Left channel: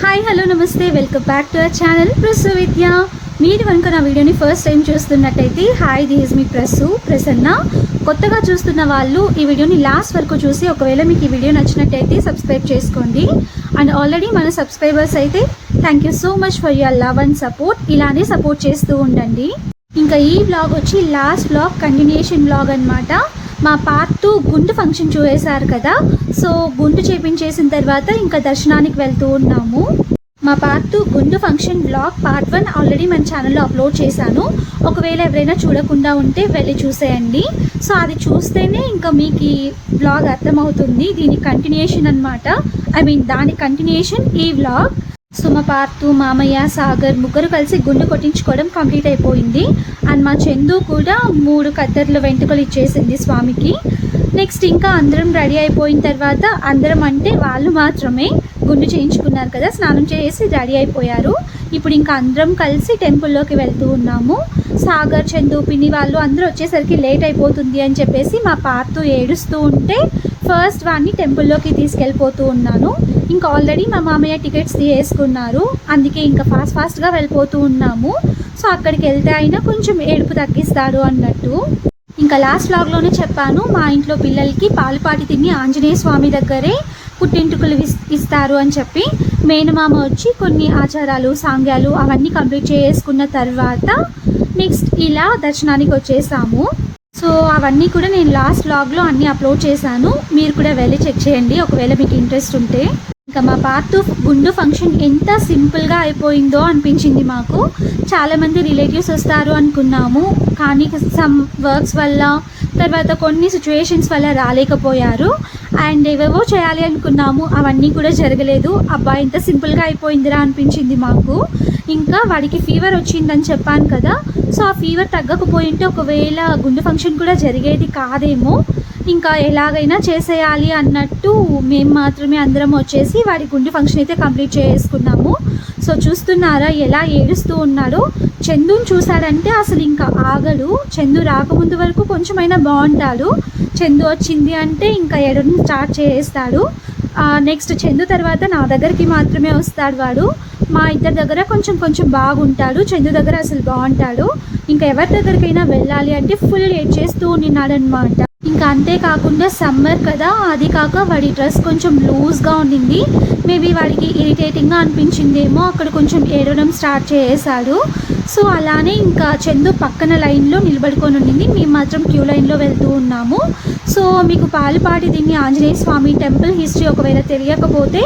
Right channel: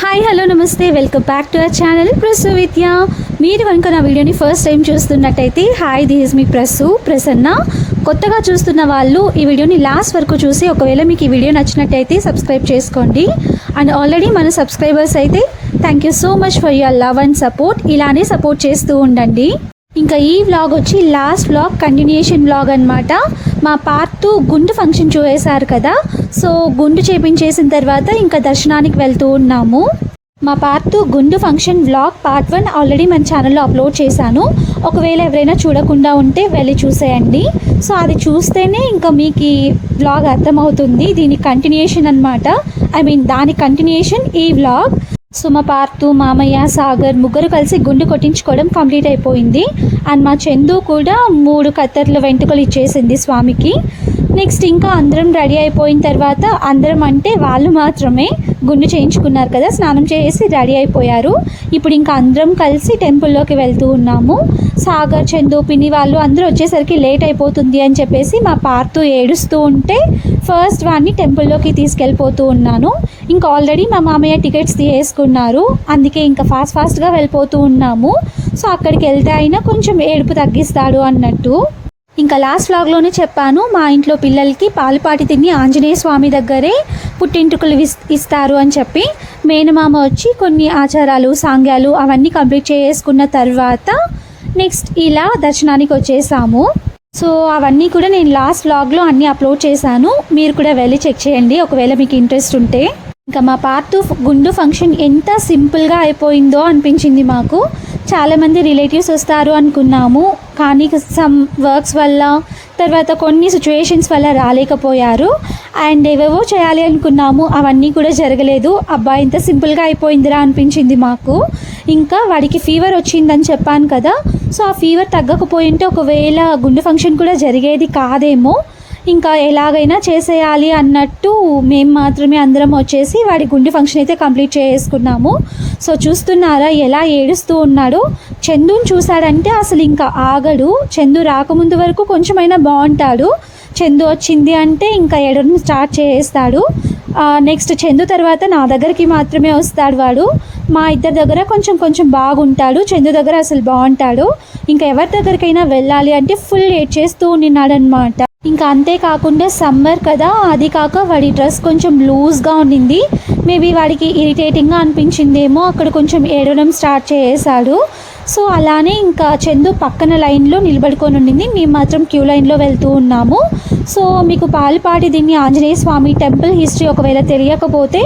Hi hello నమస్తే. Welcome back to our channel Prasu Vidya మీరు కనుక నా వీడియోని ఫస్ట్ టైం చూస్తున్నట్టయితే హాయ్ దిస్ మీ ప్రసు ప్రసన్న. కొత్తగా చూస్తున్న వాళ్ళు ఈ వీడియోని లాస్ట్ వరకు చూసి ఒకవేళ మీకు ఈ వీడియో నచ్చినట్టయితే సబ్స్క్రైబ్ చేసుకోండి. అండ్ ఆల్రెడీ మన సబ్స్క్రైబర్స్ అయితే thank you so much for your love and support ఇలానే సపోర్ట్ చేస్తూ ఉండండి. ఇంకా ఈ వ్లాగ్ వచ్చి లాస్ట్ వ్లాగ్ కంటిన్యూషన్ వ్లాగ్ అనమాట మా పార్ట్ గుండు ఫంక్షన్ చూసేశారు కదా? సో గుండు చేపించేసిన తర్వాత ఇంకా దర్శనానికి వెళ్తూ ఉన్నాము. మా పార్ట్ గుండు function vlog part one already మన ఛానల్లో అప్లోడ్ చేశాను. ఒకవేళ ఎవరైనా చూడకుండా ఉంటే వెళ్ళి చూసేయండి. సో అది చూస్తేనే ఇంకా మీకు ఈ వ్లాగ్ అర్థమవుతుంది. దీని కంటిన్యూషన్ అనమాట ఐ మీన్ దాని కంటిన్యూషన్ ఈ వ్లాగ్ సుమ పార్తు మామయ్య సాగర్ ముగ్గురు కలిసి గుండు కొట్టించుకోవడం కంప్లీట్ అయిపోయింది. అండ్ మా చందు కూడా మూడు కత్తెర్ల వెంట్రుకలు ఇచ్చేసింది స్వామికి. నెక్స్ట్ ఇంకా అందరం రెడీ అయిపోయిన తర్వాత అందరం అంటే వాళ్ళు మాత్రమే గుండు చేయించుకున్నారు కదా స్నానం చేసి రెడీ అయిపోయారు. ఇప్పుడు ఇంకా అందరం కలిసి టెంపుల్లోకి వెళ్తూ ఉన్నాము. సాగర్ చందు పిన్ని వాళ్ళు అందరూ వచ్చేసరికి లేట్ అయిపోతుంది అని చెప్పేసి మా పార్తు ఏడుస్తూ ఉంటే ఫస్ట్ వాడిని టెంపుల్లోకి తీసుకెళ్ళిపోతూ ఉన్నాను. ఇంకా ఆల్రెడీ మా మామయ్య టికెట్స్ తీసుకున్నారు అందుకే ఇంకా ఫాస్ట్ ఫాస్ట్గా వెళ్ళిపోతూ ఉన్నాము. సో అక్కడికి వెళ్తే అయినా కొంచెం ఏడుపు తగ్గిస్తాడు అన్నట్టు. ఇంకా లాస్ట్ వ్లాగ్లోనే చెప్పాను మా ఇంట్లో పిల్లలకి పాలుపాటి తిని ఆంజనేయ స్వామి దగ్గరే పుట్టింటుకలు ఇస్తారు అని చెప్పి. మేనమామ వచ్చి కొన్ని ఆచారాలు సాంగ్యాలు అవన్నీ కంప్లీట్ చేసుకున్న తర్వాత నెక్స్ట్ ఇలా దర్శనానికి వచ్చేసాము. సో అవన్నీ కూడా నేను లాస్ట్ లాగ్లో అన్నీ అప్లోడ్ చేశాను. మీరు కూడా వెళ్ళి చెక్ చేయండి. ఒకవేళ మీకు ఇంట్రెస్ట్ ఉంటే. ఇంకా మా పార్ట్ గుండు ఫంక్షన్ ఎంత సింపుల్గా అయిపోయిందో అనిపించింది మాకు. చాలామంది రిలేటివ్స్ వస్తారు అనుకున్నాము. కానీ సమ్ వర్క్స్ వల్ల తర్వాత కొన్ని సిచ్యువేషన్స్ వల్ల రాలేకపోయారు. అండ్ ఏవేవో చేయాలి అనుకున్నాము. అవన్నీ కూడా జరగలేదు. అబ్బా ఇంత సింపుల్గా అయిపోయిందిరా అనిపించింది మాకు. ఇంకా వాడికి ఫీవర్ వచ్చిందని చెప్పాను కదా. సో ఆ ఫీవర్ తగ్గకపోయింటే ఒకవేళ గుండె ఫంక్షన్ కూడా జరిగేది కాదేమో ఇంకా ఎలాగైనా చేసేయాలి అన్నట్టు మేము మాత్రమే అందరం వచ్చేసి వాడి గుండె ఫంక్షన్ అయితే కంప్లీట్ చేసుకున్నాము. సో చూస్తున్నారా ఎలా ఏడుస్తూ ఉన్నాడో. చందుని చూశాడంటే అసలు ఇంకా ఆగడు. చందు రాకముందు వరకు కొంచెమైనా బాగుంటాడు. చందు వచ్చింది అంటే ఇంకా ఎడని స్టార్ట్ చేస్తాడు. నెక్స్ట్ చందు తర్వాత నా దగ్గరికి మాత్రమే వస్తాడు వాడు. మా ఇద్దరి దగ్గర కొంచెం కొంచెం బాగుంటాడు. చందు దగ్గర అసలు బాగుంటాడు. ఇంకా ఎవరి దగ్గరికైనా వెళ్ళాలి అంటే ఫుల్ ఏడ్ చేస్తూ ఉన్నాడనమాట ఇంకా అంతేకాకుండా సమ్మర్ కదా అది కాక వాడి డ్రెస్ కొంచెం లూజ్గా ఉండింది. మేబీ వాడికి ఇరిటేటింగ్గా అనిపించిందేమో అక్కడ కొంచెం ఏడవడం స్టార్ట్ చేసాడు. సో అలానే ఇంకా చందు పక్కన లైన్లో నిలబడుకొని ఉండింది. మేము మాత్రం క్యూ లైన్లో వెళ్తూ ఉన్నాము. సో మీకు పాలపాటి దీన్ని ఆంజనేయ స్వామి టెంపుల్ హిస్టరీ ఒకవేళ తెలియకపోతే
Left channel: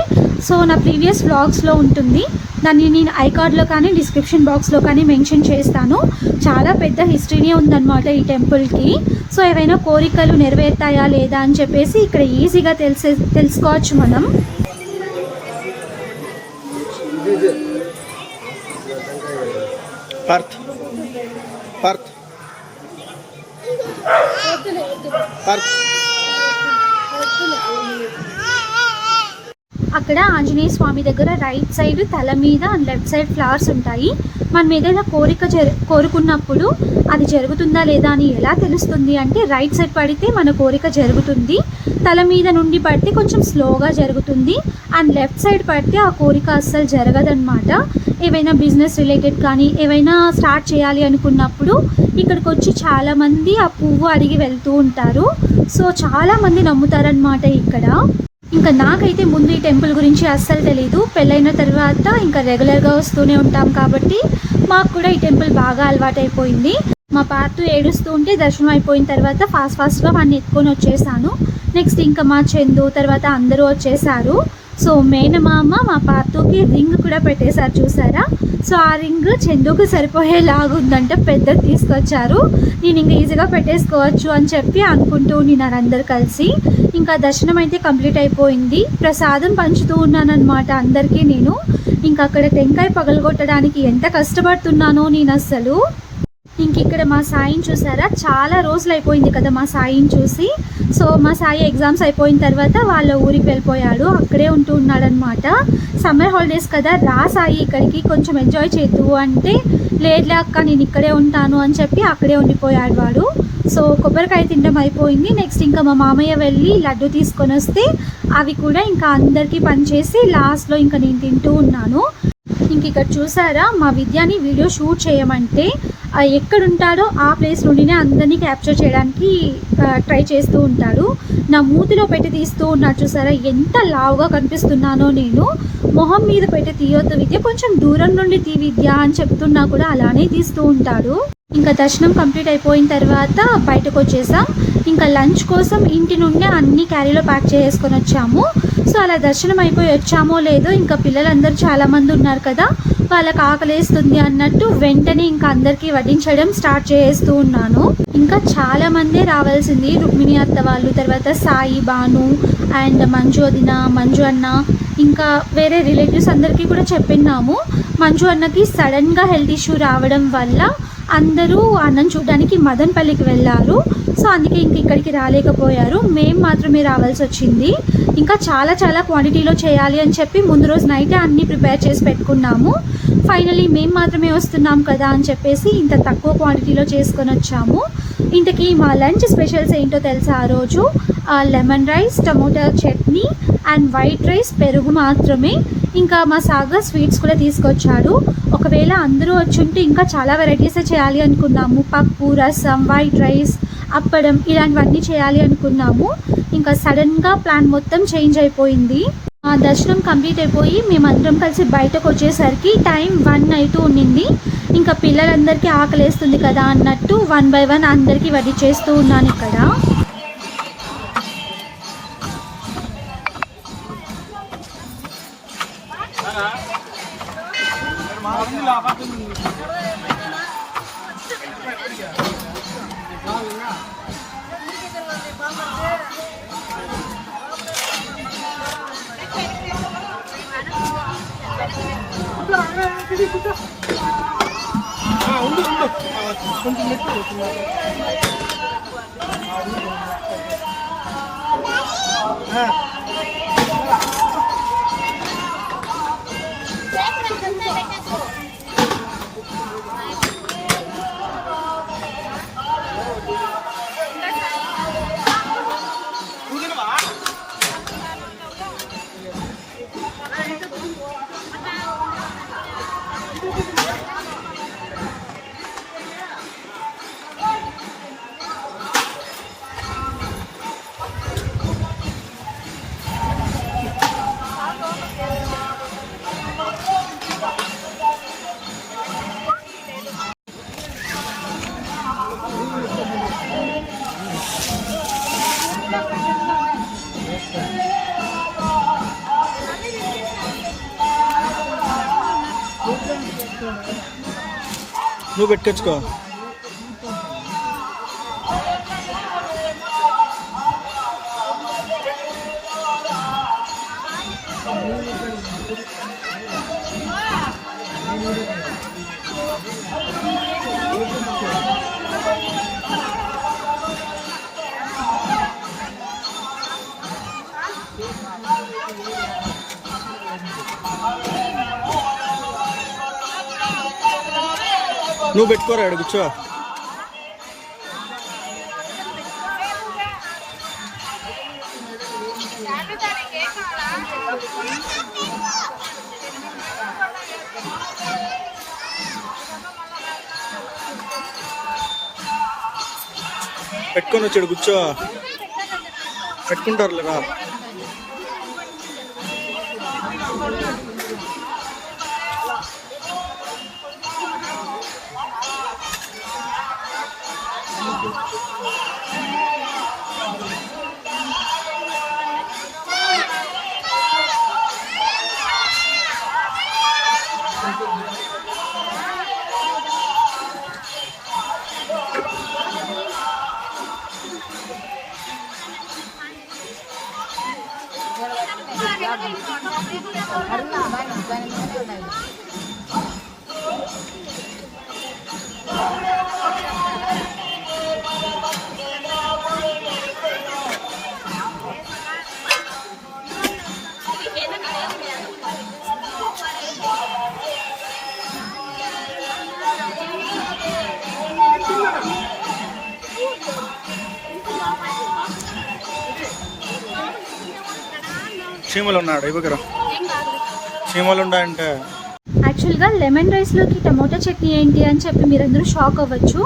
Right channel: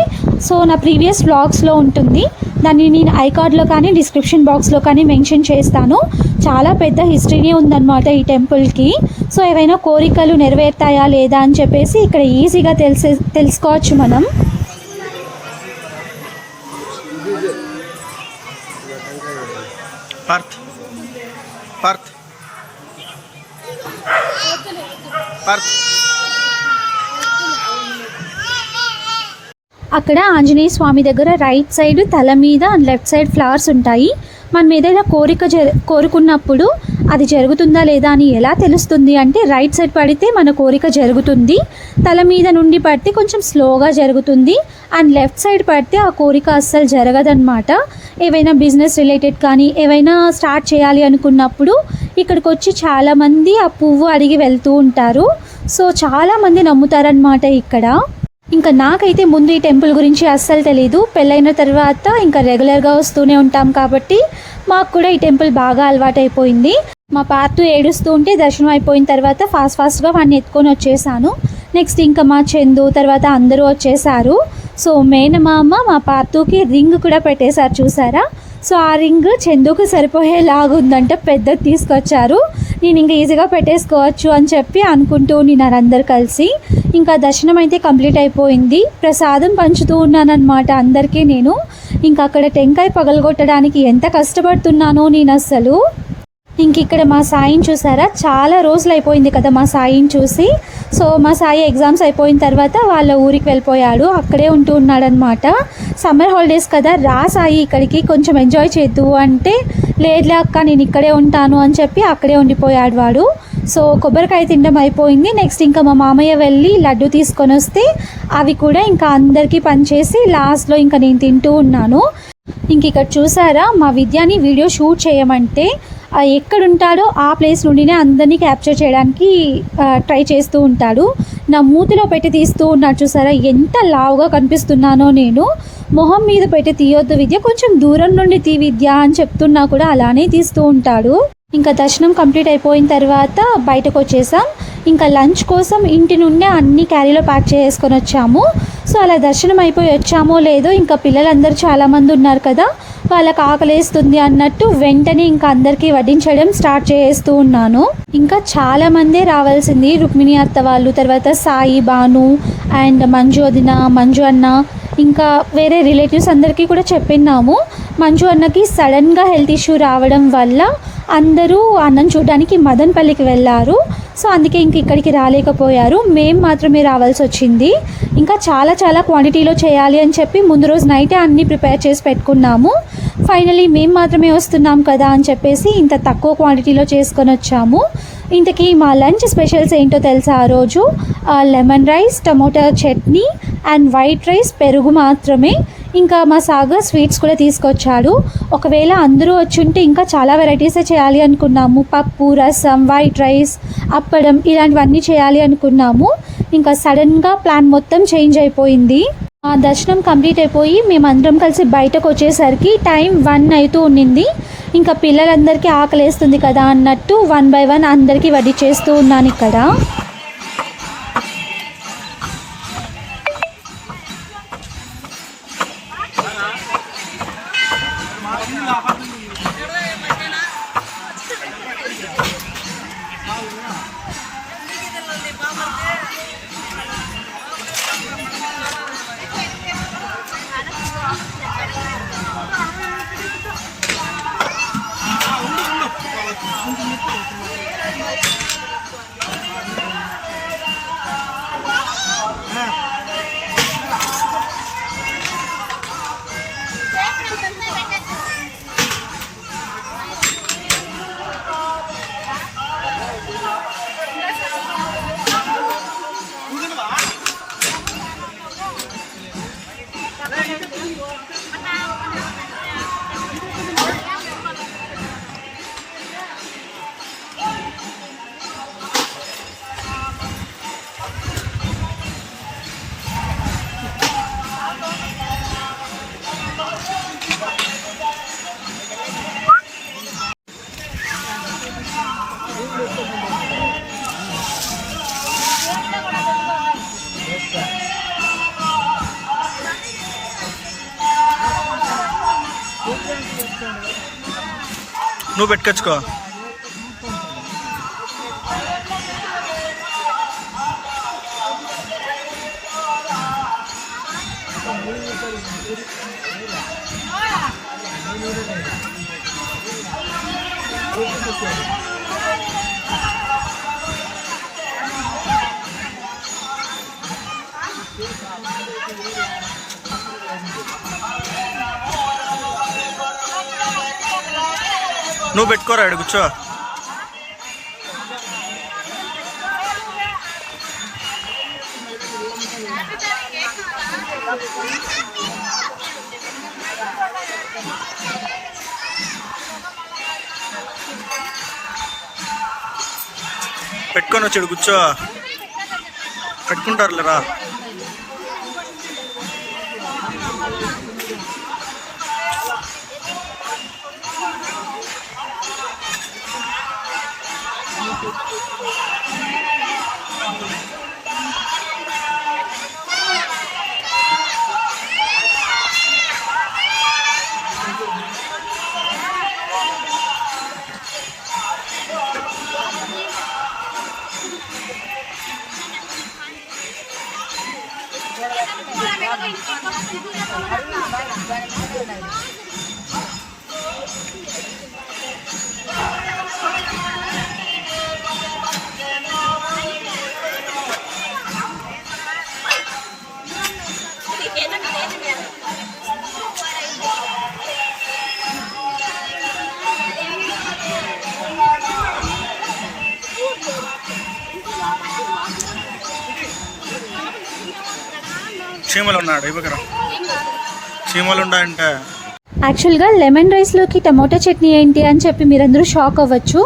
సో నా ప్రీవియస్ బ్లాగ్స్లో ఉంటుంది. దాన్ని నేను ఐకార్డ్లో కానీ డిస్క్రిప్షన్ బాక్స్లో కానీ మెన్షన్ చేస్తాను. చాలా పెద్ద హిస్టరీనే ఉందన్నమాట ఈ టెంపుల్కి. సో ఏవైనా కోరికలు నెరవేరుతాయా లేదా అని చెప్పేసి ఇక్కడ ఈజీగా తెలిసే తెలుసుకోవచ్చు మనం. పార్త్ పార్త్ పార్త్ అక్కడ ఆంజనేయ స్వామి దగ్గర రైట్ సైడ్ తల మీద అండ్ లెఫ్ట్ సైడ్ ఫ్లవర్స్ ఉంటాయి. మనం ఏదైనా కోరిక జ కోరుకున్నప్పుడు అది జరుగుతుందా లేదా అని ఎలా తెలుస్తుంది అంటే రైట్ సైడ్ పడితే మన కోరిక జరుగుతుంది తల మీద నుండి పడితే కొంచెం స్లోగా జరుగుతుంది అండ్ లెఫ్ట్ సైడ్ పడితే ఆ కోరిక అస్సలు జరగదన్నమాట. ఏవైనా బిజినెస్ రిలేటెడ్ కానీ ఏవైనా స్టార్ట్ చేయాలి అనుకున్నప్పుడు ఇక్కడికి వచ్చి చాలామంది ఆ పువ్వు అడిగి వెళ్తూ ఉంటారు. సో చాలామంది నమ్ముతారనమాట ఇక్కడ. ఇంకా నాకైతే ముందు ఈ టెంపుల్ గురించి అస్సలు తెలీదు. పెళ్ళైన తర్వాత ఇంకా రెగ్యులర్గా వస్తూనే ఉంటాం కాబట్టి మాకు కూడా ఈ టెంపుల్ బాగా అలవాటైపోయింది. మా పార్ట్ ఏడుస్తూ ఉంటే దర్శనం అయిపోయిన తర్వాత ఫాస్ట్ ఫాస్ట్గా వాడిని ఎత్తుకొని వచ్చేసాను. నెక్స్ట్ ఇంకా మా చందు తర్వాత అందరూ వచ్చేసారు. సో మేనమామ మా పార్తుకి రింగ్ కూడా పెట్టేశారు చూసారా? సో ఆ రింగ్ చందుకు సరిపోయేలాగా ఉందంట పెద్దది తీసుకొచ్చారు. నేను ఇంకా ఈజీగా పెట్టేసుకోవచ్చు అని చెప్పి అనుకుంటూ ఉన్నారు అందరు కలిసి. ఇంకా దర్శనం అయితే కంప్లీట్ అయిపోయింది. ప్రసాదం పంచుతూ ఉన్నానన్నమాట అందరికీ నేను. ఇంకా అక్కడ టెంకాయ పగలగొట్టడానికి ఎంత కష్టపడుతున్నానో నేను అస్సలు. ఇంక ఇక్కడ మా సాయిని చూసారా? చాలా రోజులు అయిపోయింది కదా మా సాయిని చూసి. సో మా సాయి ఎగ్జామ్స్ అయిపోయిన తర్వాత వాళ్ళ ఊరికి వెళ్ళిపోయాడు. అక్కడే ఉంటూ ఉన్నాడనమాట సమ్మర్ హాలిడేస్ కదా రా సాయి ఇక్కడికి కొంచెం ఎంజాయ్ చేద్దు అంటే లేదులే అక్క నేను ఇక్కడే ఉంటాను అని చెప్పి అక్కడే ఉండిపోయాడు వాడు. సో కొబ్బరికాయ తినడం అయిపోయింది. నెక్స్ట్ ఇంకా మా మామయ్య వెళ్ళి లడ్డు తీసుకొని వస్తే అవి కూడా ఇంకా అందరికీ పనిచేసి లాస్ట్లో ఇంకా నేను తింటూ ఉన్నాను. ఇంక ఇక్కడ చూసారా? మా విద్యాని వీడియో షూట్ చేయమంటే ఎక్కడుంటాడో ఆ ప్లేస్ నుండినే అందరినీ క్యాప్చర్ చేయడానికి ట్రై చేస్తూ ఉంటాడు. నా మూతిలో పెట్టి తీస్తూ ఉన్నాడు చూసారా? ఎంత లావుగా కనిపిస్తున్నానో నేను. మొహం మీద పెట్టి తీయొద్దు విద్య కొంచెం దూరం నుండి తీ విద్య అని చెప్తున్నా కూడా అలానే తీస్తూ ఉంటాడు. ఇంకా దర్శనం కంప్లీట్ అయిపోయిన తర్వాత బయటకు వచ్చేసాం. ఇంకా లంచ్ కోసం ఇంటి నుండే అన్ని క్యారీలో ప్యాక్ చేసుకొని వచ్చాము. సో అలా దర్శనం అయిపోయి వచ్చామో లేదో ఇంకా పిల్లలందరూ చాలామంది ఉన్నారు కదా. వాళ్ళకి ఆకలేస్తుంది అన్నట్టు వెంటనే ఇంకా అందరికీ వడ్డించడం స్టార్ట్ చేస్తూ ఉన్నాను. ఇంకా చాలా మందే రావాల్సింది రుక్మిణి అత్త వాళ్ళు తర్వాత సాయి బాను అండ్ మంజు అదిన మంజు అన్న. ఇంకా వేరే రిలేటివ్స్ అందరికీ కూడా చెప్పినాము మంజు అన్నకి సడన్గా హెల్త్ ఇష్యూ రావడం వల్ల అందరూ అన్నం చూడడానికి మదన్పల్లికి వెళ్ళారు. సో అందుకే ఇంక ఇక్కడికి రాలేకపోయారు. మేము మాత్రమే రావాల్సి వచ్చింది. ఇంకా చాలా చాలా క్వాంటిటీలో చేయాలి అని చెప్పి ముందు రోజు నైటే అన్నీ ప్రిపేర్ చేసి పెట్టుకున్నాము. ఫైనలీ మేము మాత్రమే వస్తున్నాం కదా అని చెప్పేసి ఇంత తక్కువ క్వాంటిటీలో చేసుకొని వచ్చాము. ఇంతకీ మా లంచ్ స్పెషల్స్ ఏంటో తెలుసా ఆ రోజు? Lemon rice tomato chutney and white rice పెరుగు మాత్రమే. ఇంకా మా సాగర్ స్వీట్స్ కూడా తీసుకొచ్చాడు. ఒకవేళ అందరూ వచ్చి ఉంటే ఇంకా చాలా వెరైటీసే చేయాలి అనుకున్నాము. పప్పు రసం వైట్ రైస్ అప్పడం ఇలాంటివన్నీ చేయాలి అనుకున్నాము. ఇంకా సడన్గా ప్లాన్ మొత్తం చేంజ్ అయిపోయింది. ఆ దర్శనం కంప్లీట్ అయిపోయి మేమందరం కలిసి బయటకు వచ్చేసరికి టైం వన్ అవుతూ ఉండింది. ఇంకా పిల్లలందరికీ ఆకలేస్తుంది కదా అన్నట్టు వన్ బై వన్ అందరికీ వడ్డీ చేస్తూ ఉన్నాను ఇక్కడ. 아, 엄마, 엄마. 아, 손좀 냈다, 좀 아, 아. నువ్వు పెట్టుకొచ్చుకో. నువ్వు పెట్టుకోరా ఇక్కడ కూర్చో. పెట్టుకొని వచ్చాడు కూర్చో. పెట్టుకుంటారులేరా చీమలు ఉన్నాడు ఇవ్వకరా చీమలు ఉన్నాయంటే. యాక్చువల్గా లెమన్ రైస్లోకి టమోటా చట్నీ ఏంటి అని చెప్పి మీరందరూ షాక్ అవ్వచ్చు.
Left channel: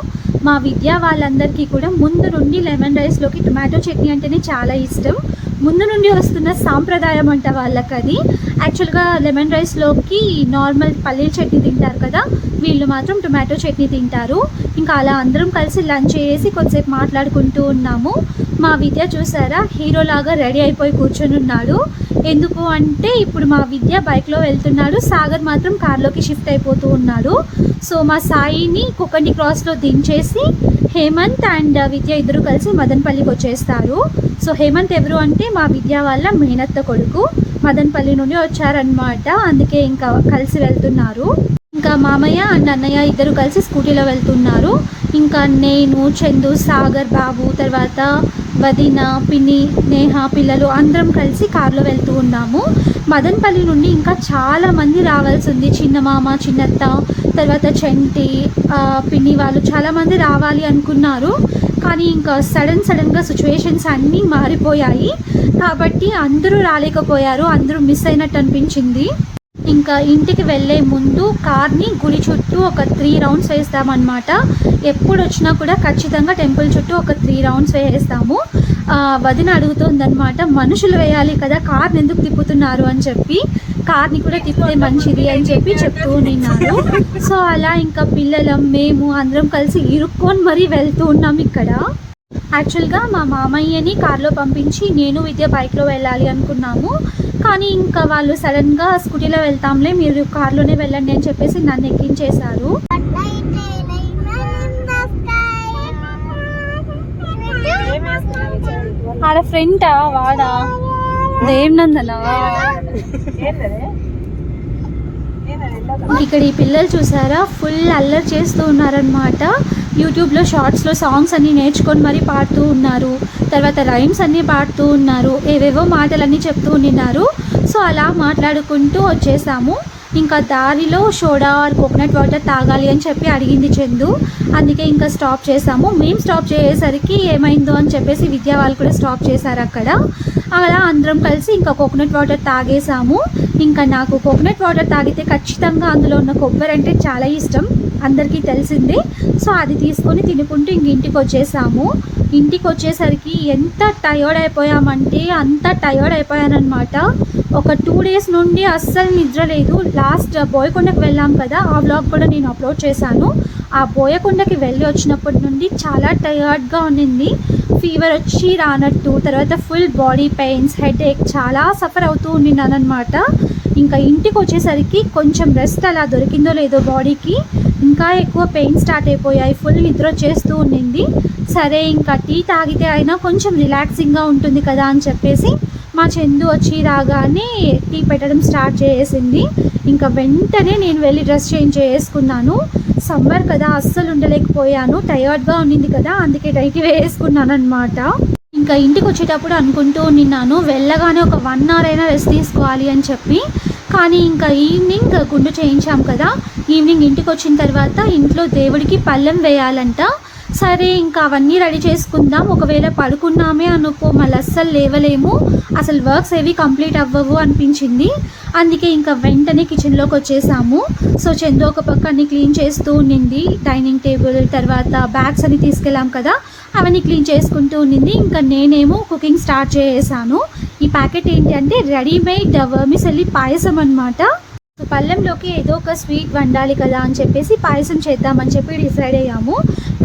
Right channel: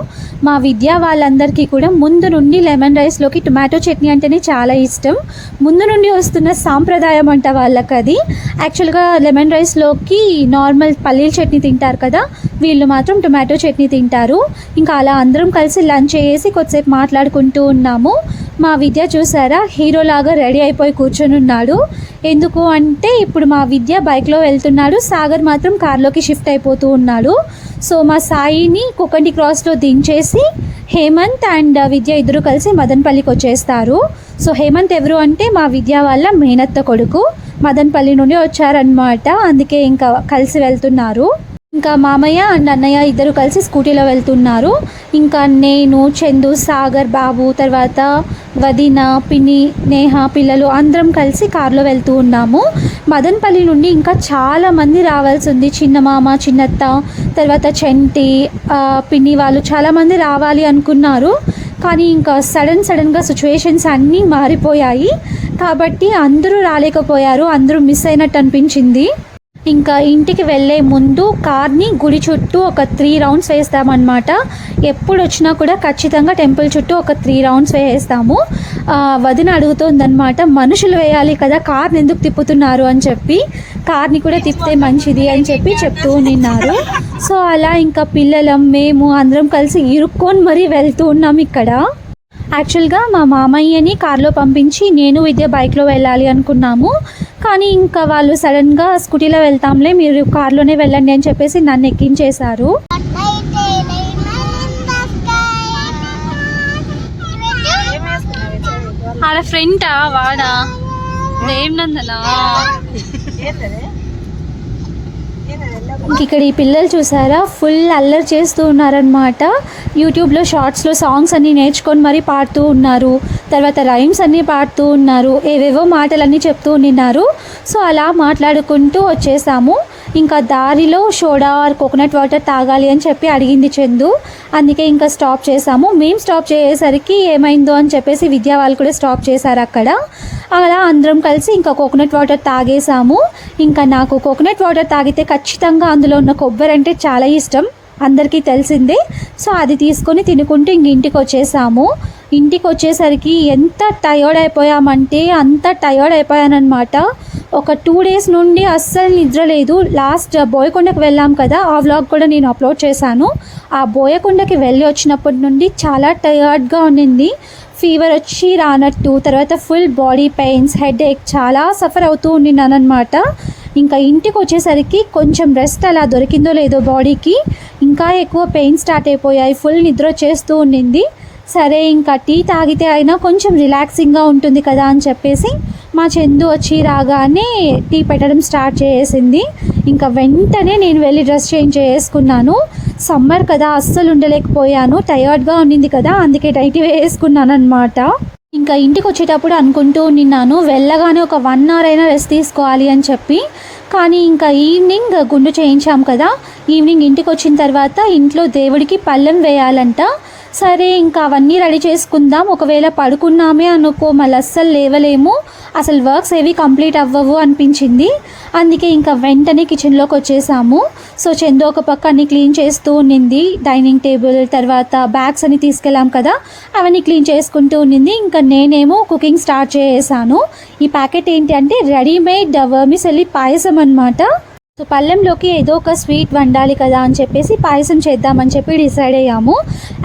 మా విద్య వాళ్ళందరికీ కూడా ముందు నుండి లెమన్ రైస్లోకి టొమాటో చట్నీ అంటేనే చాలా ఇష్టం. ముందు నుండి వస్తున్న సాంప్రదాయం అంట వాళ్ళకి అది. యాక్చువల్గా లెమన్ రైస్లోకి నార్మల్ పల్లీల చట్నీ తింటారు కదా వీళ్ళు మాత్రం టొమాటో చట్నీ తింటారు. ఇంకా అలా అందరం కలిసి లంచ్ చేసి కొద్దిసేపు మాట్లాడుకుంటూ ఉన్నాము. మా విద్య చూసారా హీరోలాగా రెడీ అయిపోయి కూర్చొని ఉన్నాడు. ఎందుకు అంటే ఇప్పుడు మా విద్య బైక్లో వెళ్తున్నాడు. సాగర్ మాత్రం కార్లోకి షిఫ్ట్ అయిపోతూ ఉన్నాడు. సో మా సాయిని కుకండి క్రాస్లో దించేసి హేమంత్ అండ్ విద్య ఇద్దరు కలిసి మదన్పల్లికి వచ్చేస్తారు. సో హేమంత్ ఎవరు అంటే మా విద్య వాళ్ళ మేనత్త కొడుకు. మదన్పల్లి నుండి వచ్చారనమాట అందుకే ఇంకా కలిసి వెళ్తున్నారు. ఇంకా మామయ్య అండ్ అన్నయ్య ఇద్దరు కలిసి స్కూటీలో వెళ్తున్నారు. ఇంకా నేను చందు సాగర్ బాబు తర్వాత వదిన పిన్ని నేహ పిల్లలు అందరం కలిసి కారులో వెళ్తూ ఉన్నాము. మదన్పల్లి నుండి ఇంకా చాలామంది రావాల్సి ఉంది. చిన్న మామ చిన్నత్త తర్వాత చంటి పిన్ని వాళ్ళు చాలామంది రావాలి అనుకున్నారు. కానీ ఇంకా సడన్ సడన్గా సిచ్యువేషన్స్ అన్నీ మారిపోయాయి. కాబట్టి అందరూ రాలేకపోయారు. అందరూ మిస్ అయినట్టు అనిపించింది. ఇంకా ఇంటికి వెళ్ళే ముందు కార్ని గుడి చుట్టూ ఒక త్రీ రౌండ్స్ వేస్తామన్నమాట. ఎప్పుడు వచ్చినా కూడా ఖచ్చితంగా టెంపుల్ చుట్టూ ఒక త్రీ రౌండ్స్ వేస్తాము వదిన అడుగుతోందనమాట మనుషులు వేయాలి కదా కార్ని ఎందుకు తిప్పుతున్నారు? అని చెప్పి. కార్ని కూడా తిప్పితే మంచిది అని చెప్పి చెప్తూ నిన్నారు. సో అలా ఇంకా పిల్లలం మేము అందరం కలిసి ఇరుక్కొని మరీ వెళ్తూ ఉన్నాం ఇక్కడ. యాక్చువల్గా మా మామయ్యని కార్లో పంపించి నేను విద్య బైక్లో వెళ్ళాలి అనుకున్నాము. కానీ ఇంకా వాళ్ళు సడన్గా స్కూటీలో వెళ్తాంలే మీరు కార్లోనే వెళ్ళండి అని చెప్పేసి నన్ను ఎక్కించేశారు. ఆడ ఫ్రెంటా వాడా? దేనినందనా ఇంక ఇక్కడ ఈ పిల్లలు చూసారా? ఫుల్ అల్లరి చేస్తూ ఉన్నారనమాట యూట్యూబ్లో షార్ట్స్లో సాంగ్స్ అన్నీ నేర్చుకొని మరీ పాడుతూ ఉన్నారు. తర్వాత రైమ్స్ అన్నీ పాడుతూ ఉన్నారు. ఏవేవో మాటలన్నీ చెప్తూ ఉన్నారు. సో అలా మాట్లాడుకుంటూ వచ్చేసాము. ఇంకా దారిలో సోడా ఆర్ కోకోనట్ వాటర్ తాగాలి అని చెప్పి అడిగింది చందు. అందుకే ఇంకా స్టాప్ చేసాము. మేము స్టాప్ చేసేసరికి ఏమైందో అని చెప్పేసి విద్యా వాళ్ళు కూడా స్టాప్ చేశారు అక్కడ. అలా అందరం కలిసి ఇంకా కోకోనట్ వాటర్ తాగేసాము. ఇంకా నాకు కోకోనట్ వాటర్ తాగితే ఖచ్చితంగా అందులో ఉన్న కొబ్బరి అంటే చాలా ఇష్టం. అందరికీ తెలిసిందే. సో అది తీసుకొని తినుకుంటూ ఇంక ఇంటికి వచ్చేసాము ఇంటికి వచ్చేసరికి ఎంత టయర్డ్ అయిపోయామంటే అంత టయర్డ్ అయిపోయానమాట ఒక టూ డేస్ నుండి అస్సలు నిద్ర లేదు. లాస్ట్ బోయకొండకు వెళ్ళాం కదా ఆ వ్లాగ్ కూడా నేను అప్లోడ్ చేశాను. ఆ బోయకొండకి వెళ్ళి వచ్చినప్పటి నుండి చాలా టయర్డ్గా ఉన్నింది ఫీవర్ వచ్చి రానట్టు తర్వాత full body pains headache చాలా సఫర్ అవుతూ ఉండినానమాట ఇంకా ఇంటికి వచ్చేసరికి కొంచెం రెస్ట్ అలా దొరికిందో లేదో బాడీకి ఇంకా ఎక్కువ పెయిన్ స్టార్ట్ అయిపోయాయి. ఫుల్ నిద్ర చేస్తూ ఉండింది. సరే ఇంకా టీ తాగితే అయినా కొంచెం రిలాక్సింగ్గా ఉంటుంది కదా అని చెప్పేసి మా చందు వచ్చి రాగానే టీ పెట్టడం స్టార్ట్ చేసింది. ఇంకా వెంటనే నేను వెళ్ళి డ్రెస్ చేంజ్ చేసుకున్నాను. సమ్మర్ కదా అస్సలు ఉండలేకపోయాను. టయర్డ్గా ఉండింది కదా అందుకే టైట్ వేసుకున్నాను అనమాట ఇంకా ఇంటికి వచ్చేటప్పుడు అనుకుంటూ నిన్నాను వెళ్ళగానే ఒక వన్ అవర్ అయినా రెస్ట్ తీసుకోవాలి అని చెప్పి. కానీ ఇంకా ఈవినింగ్ గుండు చేయించాం కదా ఈవినింగ్ ఇంటికి వచ్చిన తర్వాత ఇంట్లో దేవుడికి పళ్ళెం వేయాలంట. సరే ఇంకా అవన్నీ రెడీ చేసుకుందాం. ఒకవేళ పడుకున్నామే అనుకో మళ్ళీ అస్సలు లేవలేము. అసలు వర్క్స్ ఏవి కంప్లీట్ అవ్వవు అనిపించింది. అందుకే ఇంకా వెంటనే కిచెన్లోకి వచ్చేసాము. సో చందు ఒక పక్క అన్ని క్లీన్ చేస్తూ ఉన్నింది డైనింగ్ టేబుల్ తర్వాత బ్యాగ్స్ అన్ని తీసుకెళ్ళాం కదా అవన్నీ క్లీన్ చేసుకుంటూ ఉన్నింది ఇంకా నేనేమో కుకింగ్ స్టార్ట్ చేసేసాను. ఈ ప్యాకెట్ ఏంటి అంటే రెడీమేడ్ వర్మిసెల్లి పాయసం అనమాట సో పళ్ళెంలోకి ఏదో ఒక స్వీట్ వండాలి కదా అని చెప్పేసి పాయసం చేద్దామని చెప్పి డిసైడ్ అయ్యాము.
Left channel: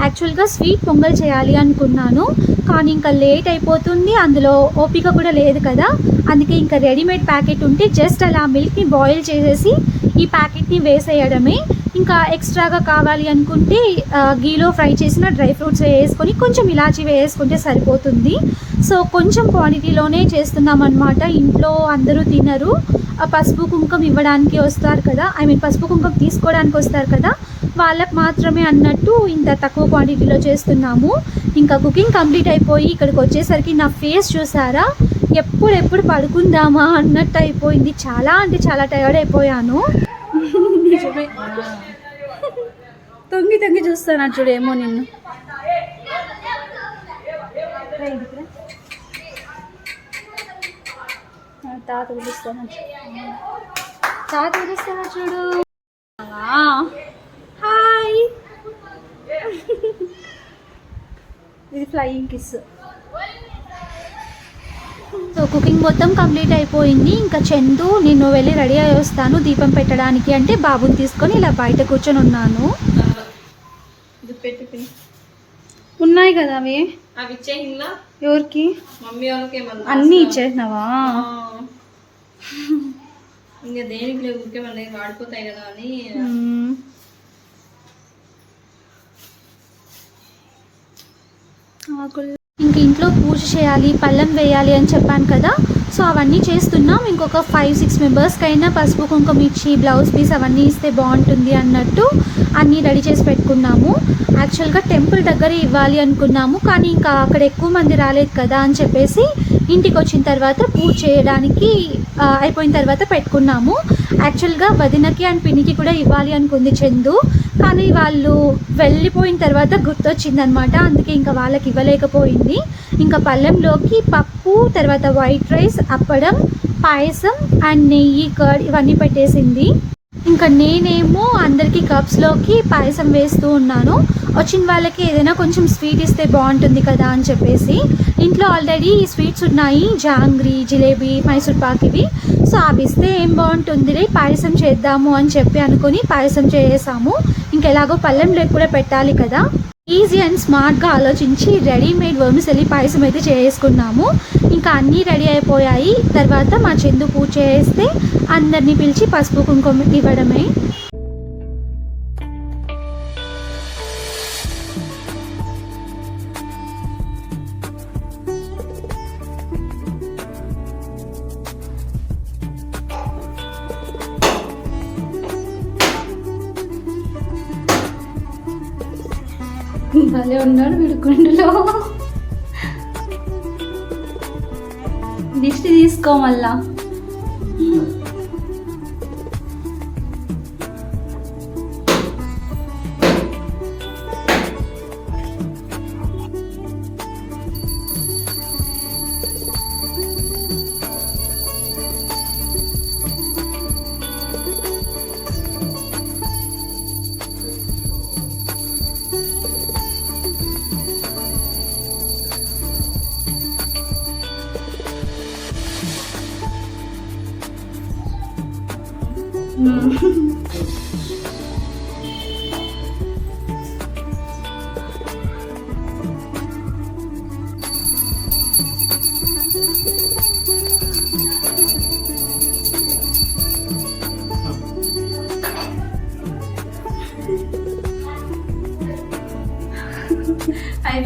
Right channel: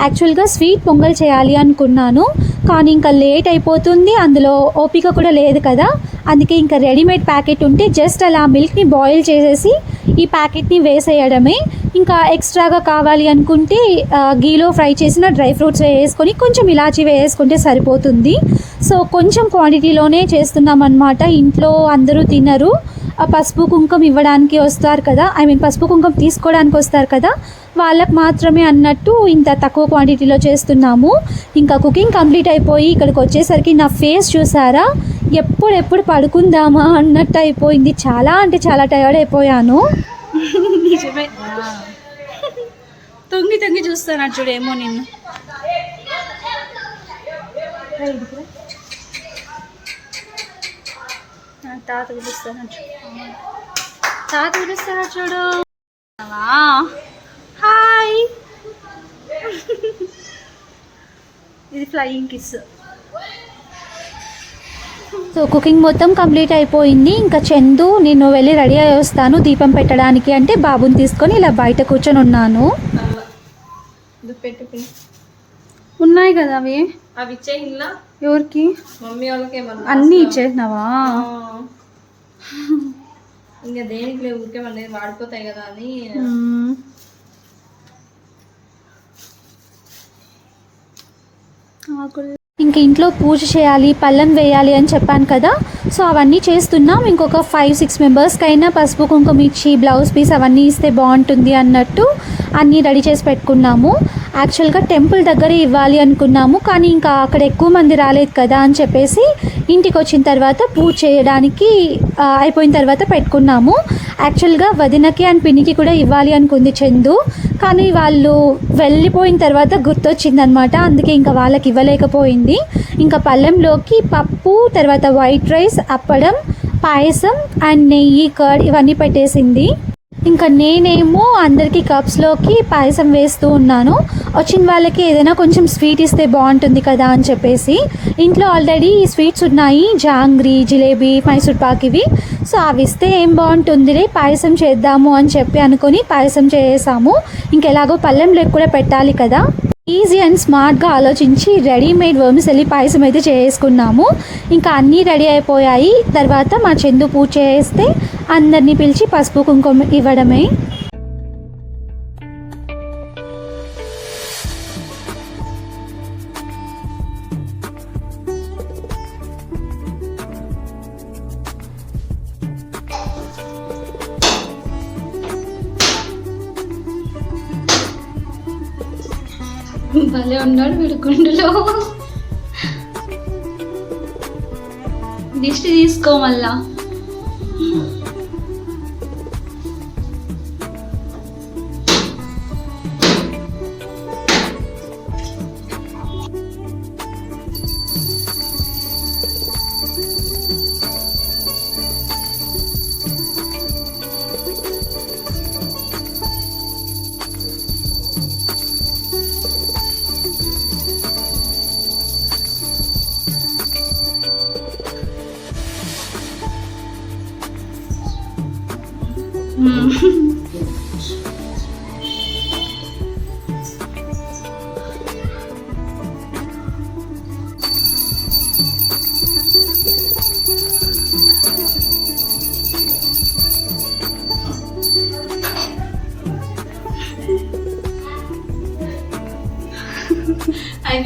యాక్చువల్గా స్వీట్ పొంగల్ చేయాలి అనుకున్నాను కానీ ఇంకా లేట్ అయిపోతుంది అందులో ఓపిక కూడా లేదు కదా. అందుకే ఇంకా రెడీమేడ్ ప్యాకెట్ ఉంటే జస్ట్ అలా మిల్క్ని బాయిల్ చేసేసి ఈ ప్యాకెట్ని వేసేయడమే. ఇంకా ఎక్స్ట్రాగా కావాలి అనుకుంటే గీలో ఫ్రై చేసిన డ్రై ఫ్రూట్స్ వేసుకొని కొంచెం ఇలాచి వేసుకుంటే సరిపోతుంది. సో కొంచెం క్వాంటిటీలోనే చేస్తున్నాం అనమాట ఇంట్లో అందరూ తినరు. ఆ పసుపు కుంకుమ ఇవ్వడానికి వస్తారు కదా ఐ మీన్ పసుపు కుంకుమ తీసుకోవడానికి వస్తారు కదా వాళ్ళకి మాత్రమే అన్నట్టు ఇంత తక్కువ క్వాంటిటీలో చేస్తున్నాము. ఇంకా కుకింగ్ కంప్లీట్ అయిపోయి ఇక్కడికి వచ్చేసరికి నా ఫేస్ చూసారా? ఎప్పుడెప్పుడు పడుకుందామా అన్నట్టు అయిపోయింది. చాలా అంటే చాలా టైర్డ్ అయిపోయాను. నిజమే. తొంగి తొంగి చూస్తాను చూడేమో నిన్ను. తాత పిలుస్తాను తాత పిలుస్తాను చూడు. హాయ్. ఇది ఫ్లయింగ్ కిస్. సో కుకింగ్ మొత్తం కంప్లీట్ అయిపోయింది. ఇంకా చందు నేను వెళ్ళి రెడీ అయ్యి వస్తాను దీపం పెట్టడానికి అంటే బాబుని తీసుకొని ఇలా బయట కూర్చొని ఉన్నాను. ఉన్నాయి కదా అవి? అవి ఇచ్చే ఇంట్లో ఎవరికి? మమ్మీ వాళ్ళకి అన్నీ ఇచ్చేసినావా? ఇంకా దేనికి లేవు ఊరికే మళ్ళీ వాడిపోతాయి కదా అని. ఆకులు. ఇంక ఇంట్లో పూజ చేయాలి పళ్ళం వేయాలి అని చెప్పాను కదా. సో అవన్నీ చేస్తున్నాం. ఇంకొక ఫైవ్ సిక్స్ మెంబర్స్కి అయినా పసుపు కుంకుమ ఇచ్చి బ్లౌజ్ పీస్ అవన్నీ ఇస్తే బాగుంటుంది అన్నట్టు అన్నీ రెడీ చేసి పెట్టుకున్నాము. యాక్చువల్గా టెంపుల్ దగ్గర ఇవ్వాలి అనుకున్నాము కానీ ఇంకా అక్కడ ఎక్కువ మంది రాలేదు కదా అని చెప్పేసి ఇంటికి వచ్చిన తర్వాత పూజ చేయడానికి అయిపోయిన తర్వాత పెట్టుకున్నాము. యాక్చువల్గా వదినకి అండ్ పిన్నికి కూడా ఇవ్వాలి అనుకుంది చందు కానీ వాళ్ళు వెళ్ళిపోయిన తర్వాత గుర్తొచ్చిందనమాట. అందుకే ఇంకా వాళ్ళకి ఇవ్వలేకపోయింది. ఇంకా పళ్ళెంలోకి పప్పు తర్వాత వైట్ రైస్ అప్పడం పాయసం అండ్ నెయ్యి కర్డ్ ఇవన్నీ పెట్టేసింది. ఇంకా నేనేమో అందరికీ కప్స్లోకి పాయసం వేస్తూ ఉన్నాను. వచ్చిన వాళ్ళకి ఏదైనా కొంచెం స్వీట్ ఇస్తే బాగుంటుంది కదా అని చెప్పేసి ఇంట్లో ఆల్రెడీ స్వీట్స్ ఉన్నాయి. జాంగ్రీ జిలేబీ మైసూర్ పాక్ ఇవి. సో అవి ఇస్తే ఏం బాగుంటుందిలే పాయసం చేద్దాము అని చెప్పి అనుకొని పాయసం చేసాము. ఇంకెలాగో పళ్ళెంలోకి కూడా పెట్టాలి కదా. ఈజీ అండ్ స్మార్ట్గా ఆలోచించి రెడీమేడ్ వర్మిసెల్లి పాయసం అయితే చేసుకున్నాము. ఇంకా అన్నీ రెడీ అయిపోయాయి. తర్వాత మా చందు పూజ చేస్తే అందరినీ పిలిచి పసుపు కుంకుమ ఇవ్వడమే. భలే ఉన్నాడు వీడు కుండలో దిష్టి తీసుకో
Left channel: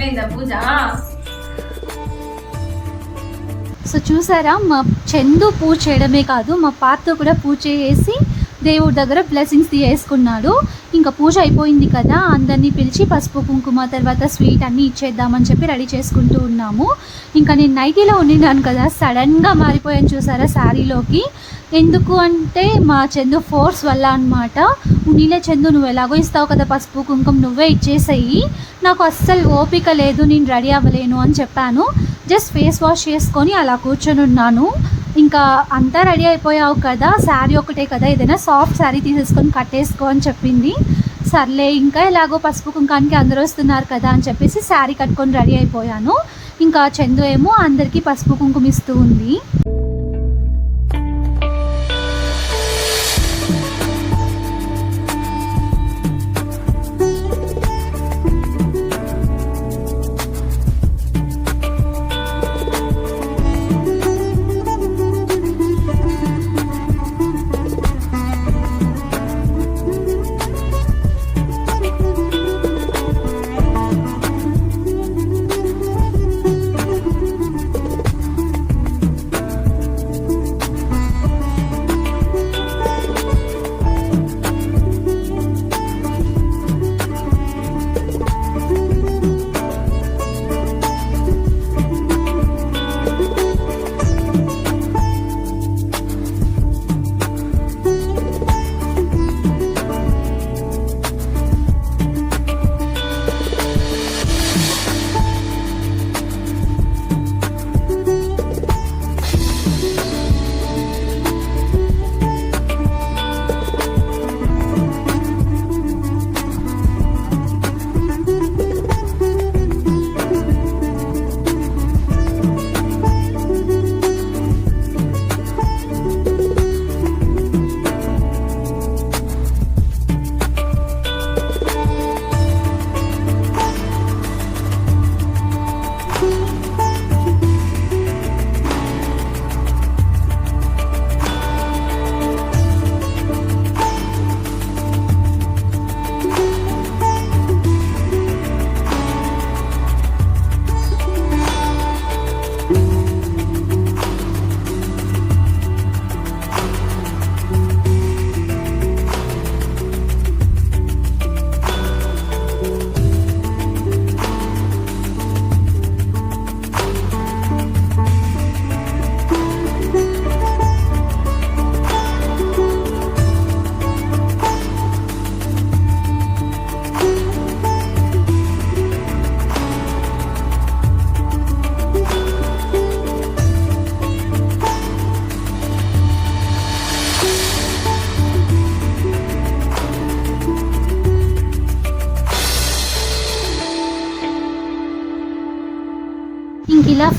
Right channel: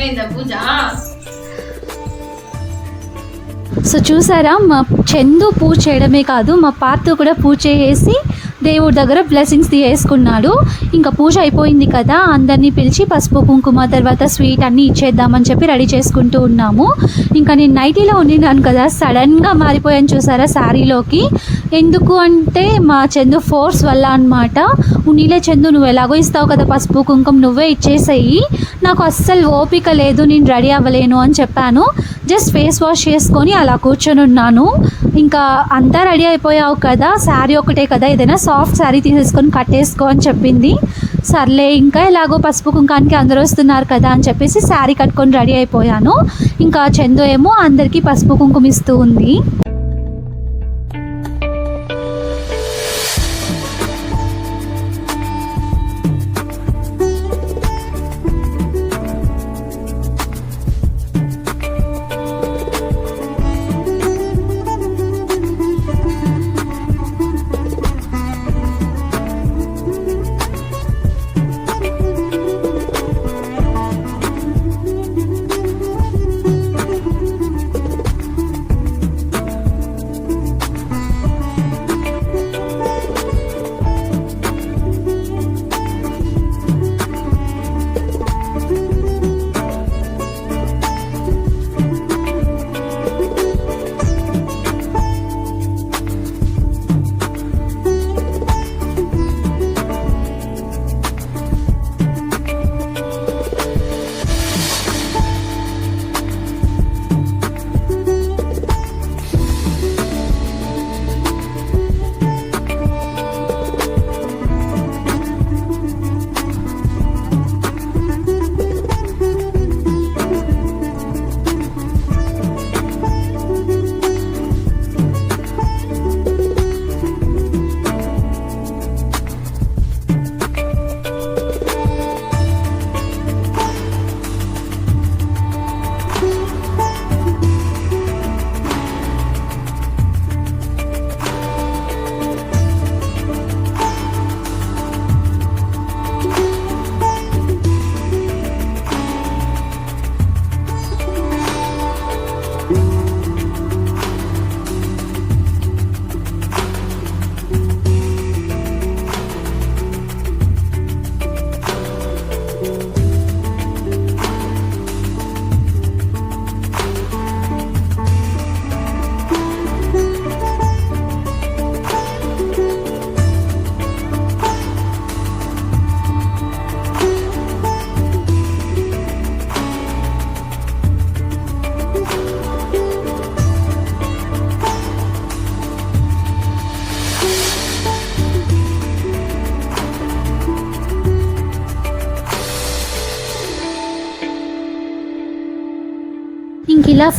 అయిందా పూజ? సో చూసారా మా చందు పూజ చేయడమే కాదు మా పార్తో కూడా పూజ చేసి దేవుడి దగ్గర బ్లెస్సింగ్స్ తీసుకున్నాడు ఇంకా పూజ అయిపోయింది కదా అందరినీ పిలిచి పసుపు కుంకుమ తర్వాత స్వీట్ అన్నీ ఇచ్చేద్దామని చెప్పి రెడీ చేసుకుంటూ ఉన్నాము. ఇంకా నేను నైటీలో ఉండినాను కదా సడన్గా మారిపోయాను చూసారా శారీలోకి. ఎందుకు అంటే మా చందు ఫోర్స్ వల్ల అనమాట నీలే చందు నువ్వు ఎలాగో ఇస్తావు కదా పసుపు కుంకుమ నువ్వే ఇచ్చేసేయి. నాకు అస్సలు ఓపిక లేదు నేను రెడీ అవ్వలేను అని చెప్పాను. జస్ట్ ఫేస్ వాష్ చేసుకొని అలా కూర్చొని ఉన్నాను. ఇంకా అంతా రెడీ అయిపోయావు కదా శారీ ఒకటే కదా ఏదైనా సాఫ్ట్ శారీ తీసేసుకొని కట్టేసుకో అని చెప్పింది. సర్లే ఇంకా ఎలాగో పసుపు కుంకానికి అందరూ వస్తున్నారు కదా అని చెప్పేసి శారీ కట్టుకొని రెడీ అయిపోయాను. ఇంకా చందు ఏమో అందరికీ పసుపు కుంకుమ ఇస్తూ ఉంది.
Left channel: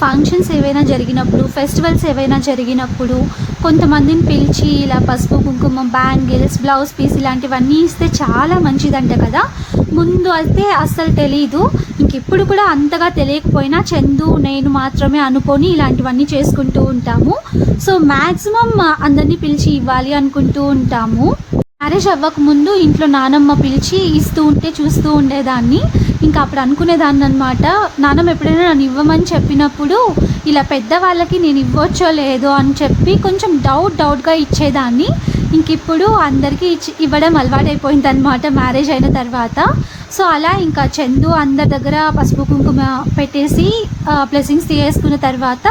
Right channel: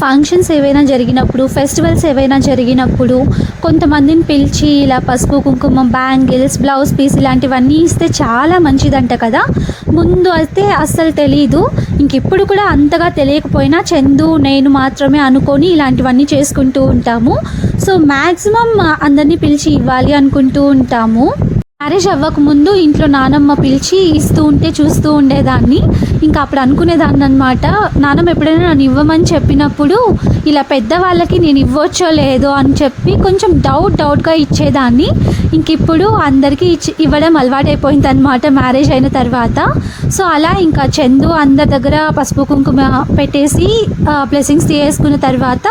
ఫంక్షన్స్ ఏవైనా జరిగినప్పుడు ఫెస్టివల్స్ ఏవైనా జరిగినప్పుడు కొంతమందిని పిలిచి ఇలా పసుపు కుంకుమ బ్యాంగిల్స్ బ్లౌజ్ పీస్ ఇలాంటివన్నీ ఇస్తే చాలా మంచిదంట కదా. ముందు అయితే అస్సలు తెలీదు. ఇంక ఇప్పుడు కూడా అంతగా తెలియకపోయినా చందు నేను మాత్రమే అనుకొని ఇలాంటివన్నీ చేసుకుంటూ ఉంటాము. సో మ్యాక్సిమం అందరినీ పిలిచి ఇవ్వాలి అనుకుంటూ ఉంటాము. మ్యారేజ్ అవ్వకముందు ఇంట్లో నానమ్మ పిలిచి ఇస్తూ ఉంటే చూస్తూ ఉండేదాన్ని. ఇంకా అప్పుడు అనుకునేదాన్ని అనమాట నానమ్మ ఎప్పుడైనా నన్ను ఇవ్వమని చెప్పినప్పుడు ఇలా పెద్దవాళ్ళకి నేను ఇవ్వచ్చో లేదో అని చెప్పి కొంచెం డౌట్ డౌట్గా ఇచ్చేదాన్ని. ఇంక ఇప్పుడు అందరికీ ఇచ్చి ఇవ్వడం అలవాటైపోయింది అనమాట మ్యారేజ్ అయిన తర్వాత. సో అలా ఇంకా చందు అందరి దగ్గర పసుపు కుంకుమ పెట్టేసి బ్లెస్సింగ్స్ తీసుకున్న తర్వాత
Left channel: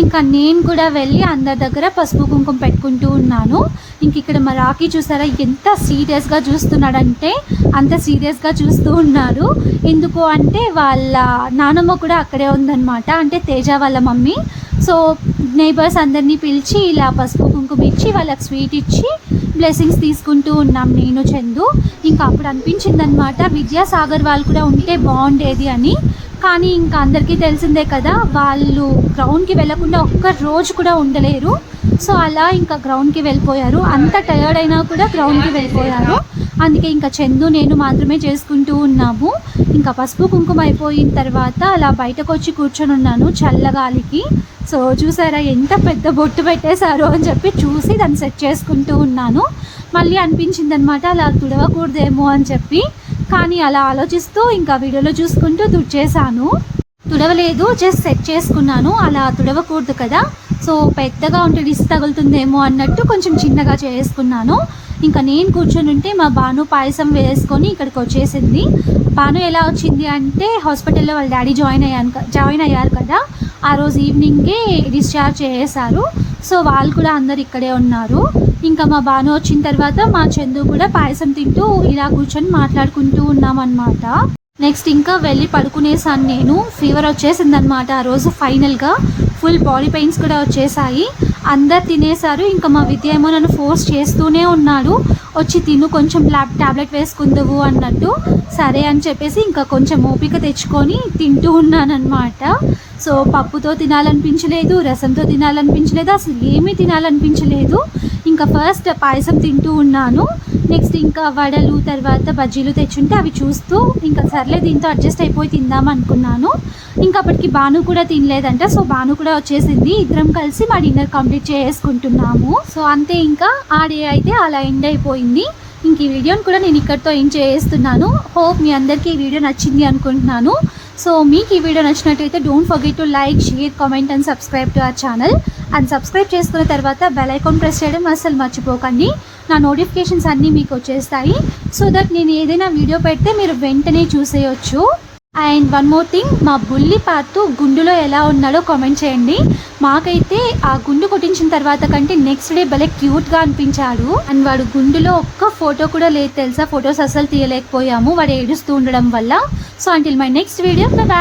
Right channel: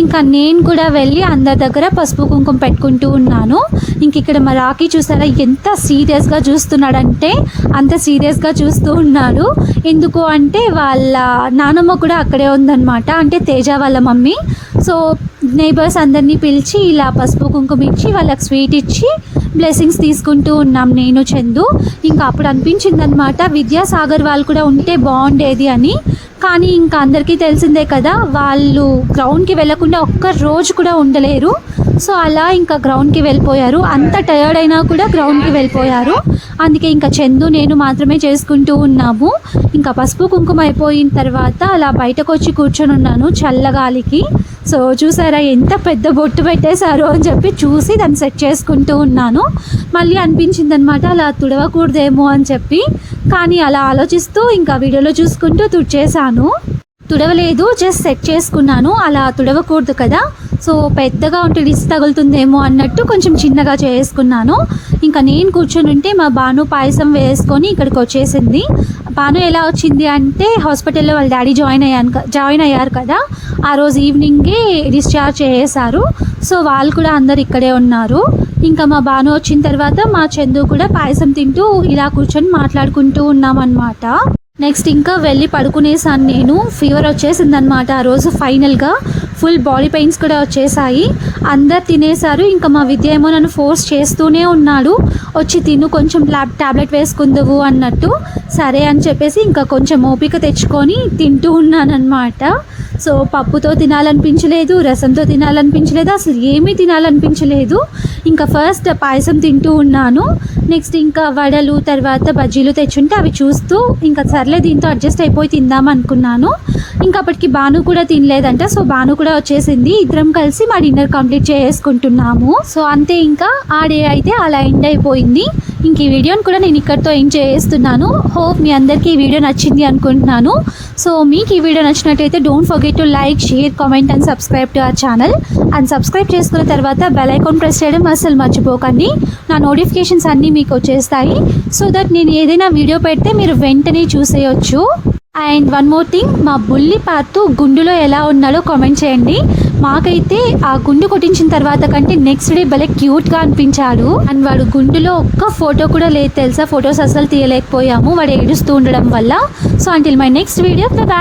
ఇంకా నేను కూడా వెళ్ళి అందరి దగ్గర పసుపు కుంకుమ పెట్టుకుంటూ ఉన్నాను. ఇంక ఇక్కడ మా రాఖీ చూసారా ఎంత సీరియస్గా చూస్తున్నాడంటే అంత సీరియస్గా చూస్తూ ఉన్నాడు. ఎందుకు అంటే వాళ్ళ నానమ్మ కూడా అక్కడే ఉందన్నమాట అంటే తేజ వాళ్ళ మమ్మీ. సో నేబర్స్ అందరినీ పిలిచి ఇలా పసుపు కుంకుమ ఇచ్చి వాళ్ళకి స్వీట్ ఇచ్చి బ్లెస్సింగ్స్ తీసుకుంటూ ఉన్నాం నేను చందు. ఇంకా అప్పుడు అనిపించింది అనమాట విద్యాసాగర్ వాళ్ళు కూడా ఉంటే బాగుండేది అని. కానీ ఇంకా అందరికీ తెలిసిందే కదా వాళ్ళు గ్రౌండ్కి వెళ్ళకుండా ఒక్క రోజు కూడా ఉండలేరు. సో అలా ఇంకా గ్రౌండ్కి వెళ్ళిపోయారు. అంత టయర్డ్ అయినా కూడా గ్రౌండ్కి వెళ్ళిపోయారు. అందుకే ఇంకా చందు నేను మాత్రమే చేసుకుంటూ ఉన్నాము. ఇంకా పసుపు కుంకుమ అయిపోయిన తర్వాత అలా బయటకు వచ్చి కూర్చొని ఉన్నాను చల్లగాలికి. సో చూసారా ఎంత పెద్ద బొట్టు పెట్టేశారు అని చెప్పి చూసి దాన్ని సెట్ చేసుకుంటూ ఉన్నాను. మళ్ళీ అనిపించింది అనమాట అలా తుడవకూడదేమో అని చెప్పి. కానీ అలా ఆలోచిస్తూ ఇంకా వీడియోలో చూసుకుంటూ తుడిచేశాను. తుడవలేదు జస్ట్ సెట్ చేసుకున్నాను. అలా తుడవకూడదు కదా. సో పెద్దగా ఉంటే విసి తగులుతుందేమో అన్నట్టు కొంచెం చిన్నగా చేసుకున్నాను. ఇంకా నేను కూర్చొని ఉంటే మా బాను పాయసం వేసుకొని ఇక్కడికి వచ్చేసింది. బాను ఎలా వచ్చింది అంటే హాస్పిటల్లో వాళ్ళ డాడీ జాయిన్ అయ్యాను జాయిన్ అయ్యారు కదా. ఆ రోజు ఈవినింగే డిశ్చార్జ్ చేసేసారు సో వాళ్ళు కూడా అందరు ఇక్కడే ఉన్నారు. ఇంకా మా బాను వచ్చిన తర్వాత మా చందు కూడా పాయసం తింటూ ఇలా కూర్చొని మాట్లాడుకుంటూ ఉన్నామన్నమాట. నెక్స్ట్ ఇంకా వెళ్ళి పడుకునేసాను నేను. ఫీవర్ వచ్చేసింది అనమాట ఆ రోజు ఫైనల్గా. ఫుల్ బాడీ పెయిన్స్ కూడా వచ్చేసాయి. అందరు తినేశారు. ఇంకా మా విద్య ఏమో నన్ను ఫోర్స్ చేస్తూనే ఉన్నాడు. వచ్చి తిను కొంచెం ల్యాబ్ ట్యాబ్లెట్ వేసుకుందువు అన్నట్టు. సరే అని చెప్పేసి ఇంకా కొంచెం ఓపిక తెచ్చుకొని తింటూ ఉన్నానన్నమాట. సో పప్పుతో తినాలనిపించలేదు రసంతో తినాలనిపించలేదు అసలు ఏమీ తినాలనిపించలేదు. ఇంకా ఫస్ట్ పాయసం తింటూ ఉన్నాను. నెక్స్ట్ ఇంకా వడలు తర్వాత బజ్జీలు తెచ్చుంటే అవి చూస్తూ ఇంకా సర్లే దీంతో అడ్జస్ట్ అయిపోయి తిందాం అనుకున్నాను. ఇంకా అప్పటికి బాను కూడా తినలేదంట. సో బాను కూడా వచ్చేసింది. ఇద్దరం కలిసి మా డిన్నర్ కంప్లీట్ చేసుకుంటున్నాము సో అంతే ఇంకా ఆ డే అయితే అలా ఎండ్ అయిపోయింది. ఇంక ఈ వీడియోని కూడా నేను ఇక్కడితో ఎంజాయ్ చేస్తున్నాను. హోప్ మీ అందరికీ ఈ వీడియో నచ్చింది అనుకుంటున్నాను. సో మీకు ఈ వీడియో నచ్చినట్టయితే don't forget to like share comment and subscribe to our channel and subscribe చేసుకున్న తర్వాత బెల్ ఐకాన్ ప్రెస్ చేయడం అస్సలు మర్చిపోకండి. నా నోటిఫికేషన్స్ అన్నీ మీకు వచ్చేస్తాయి. సో దట్ నేను ఏదైనా వీడియో పెడితే మీరు వెంటనే చూసేయొచ్చు. అండ్ వన్ మోర్ థింగ్ మా బుల్లి పాతు గుండులో ఎలా ఉన్నాడో కామెంట్ చేయండి. మాకైతే ఆ గుండు కొట్టించిన తర్వాత కంటే నెక్స్ట్ డే భలే క్యూట్గా అనిపించాడు. అండ్ వాడు గుండులో ఒక్క ఫోటో కూడా లేదు తెలుసా? ఫొటోస్ అసలు తీయలేకపోయాము. వాడు ఏడుస్తూ ఉండడం వల్ల. So until my next video